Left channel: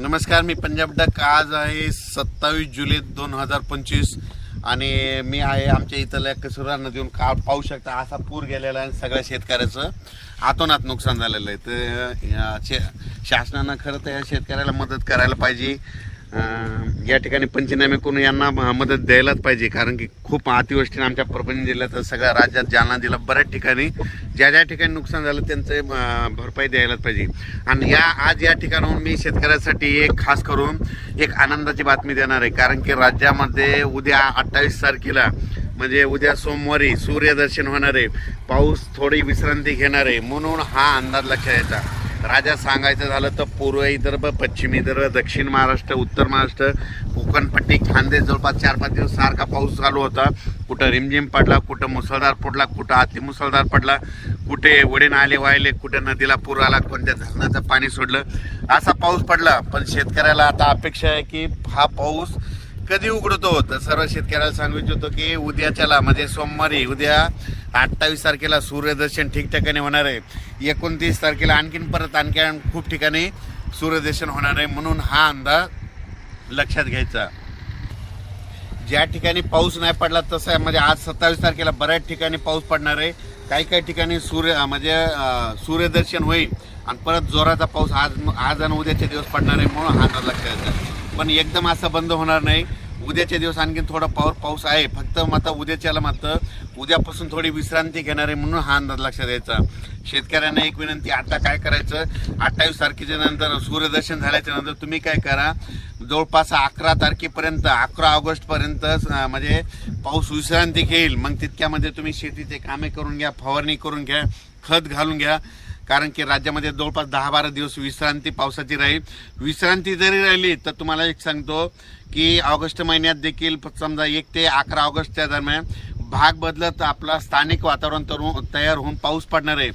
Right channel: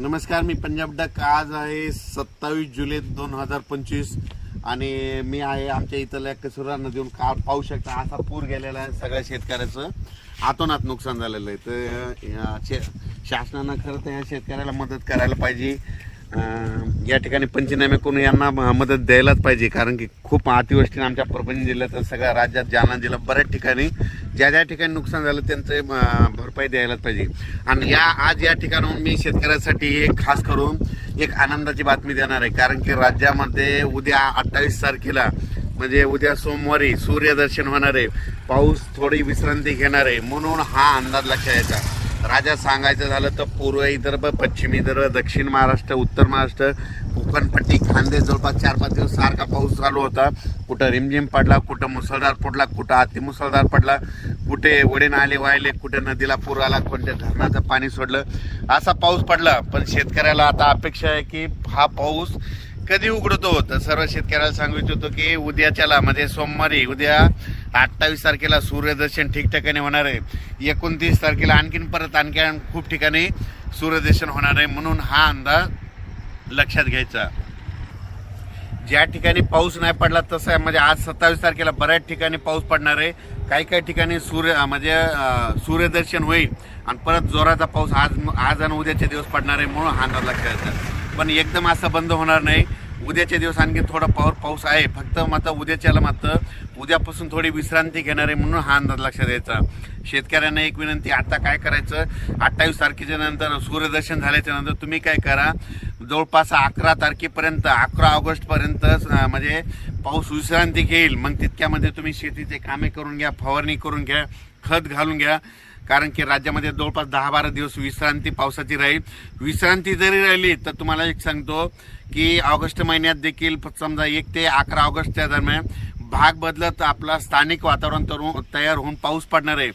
नमस्कार, मी पंजाब डक. आज आहे 27 जुलै 2025 आणि मी आहे आमच्या इथल्या कसुरा नदीवरून पाहू शकता असा पूर गेलेला आहे. सगळ्या शेतकऱ्याचं आतोनात नुकसान झालेलं आहे. तर शासनानं खरं तर या शेतकऱ्याला मदत करायला पाहिजे. या ठिकाणी पंचनामे करून यांना मदत द्यायलाच पाहिजे, कारण की खूप अतिवृष्टीने आमच्या परभणी जिल्ह्यात सगळ्या राज्यात, जालना जिल्हा बऱ्याच ठिकाणी ज्या ज्या ठिकाणी नुकसान झालं त्यांचं भरपाई द्यायलाच पाहिजे. आणि आज या ठिकाणाहून मी शेतकऱ्यासाठी एक खास करून एक आनंदाची बातमी देणार आहे, कारण की राज्यामध्ये उद्या 28 तारखेला म्हणजे उद्या सोमवारी सूर्यदर्शन होणार आहे. पाऊस थोडी विश्रांती घेणार आहे, म्हणून हा अंदाज लक्षात यायचा. राज्यात सांगायचं झालं तर पूर्व विदर्भ, पश्चिम विदर्भ, दक्षिण महाराष्ट्र, उत्तर महाराष्ट्र, कोकणपट्टी, खानदेश जवळपास 4-5 दिवस सारखा पाऊस चालू होता. कुठं रिमझिम पडला, कुठं मुसळधार पडला, कुठं अतिमुसळधार पडला, कुठे वडे नाले वाहिले, कुठे नदीला पूर आला, कोणत्या धरणाचं पाणी सोडलं, असा पाऊस पडला. पण शेतकऱ्याला आता अपेक्षा आहे की हा पाऊस कधी उघडतो. तर सर्व शेतकऱ्याला सांगू इच्छितो की उद्याच्याला म्हणजे सोमवारी उद्या 28 तारखेला सूर्यदर्शन ठिकठिकाणी होणार आहे. 29 तारखेला आणखीन खूप ठिकाणी सूर्यदर्शन होणार आहे, म्हणून हा अंदाज लक्षात घ्यायचा. ज्या ठिकाणी पाऊस नाही पडला तसं आहे, म्हणजे आज 27 तारखेला बऱ्याच ठिकाणी पाऊस पडणार आहे. काही ठिकाणी सूर्यदर्शन होईल आणि परत जोराचा पाऊस आज आणि उद्याचे दिवस पडणार आहे, म्हणून हा अंदाज लक्षात घ्यायचा. पण एकदम असं बंद होणार नाही. उद्याचे दिवस आणखी थोडा पाऊस आहे, फक्त मात्र उद्यापासून थोडी विश्रांती घेणार आहे, म्हणून हा अंदाज लक्षात द्यायचा. शेतकऱ्यांना एक विनंती, आता काय करायचं, 28 तारखेच्या नंतर सूर्यदर्शन झाल्याच्या नंतर तुम्ही काय करा, जवळपास 11 तारखेपर्यंत 11 ऑगस्टपर्यंत म्हणजे पाऊस विश्रांती घेईल. मग तितक्यामध्ये तुम्ही शेतीचे कामे करून घ्या, फवारणी करून घ्या, खत घालून घ्या, कारण की राज्यामध्ये जवळपास 10-12 दिवस विश्रांती पावसाची राहील. विश्रांती जरी राहिली तर तुम्हाला एक सांगतो की ऑगस्ट महिन्यात देखील समजा 1 ते 11 ऑगस्टच्या दरम्यान भाग बदलत आपला स्थानिक वातावरण तयार होऊन पाऊस पडणार आहे.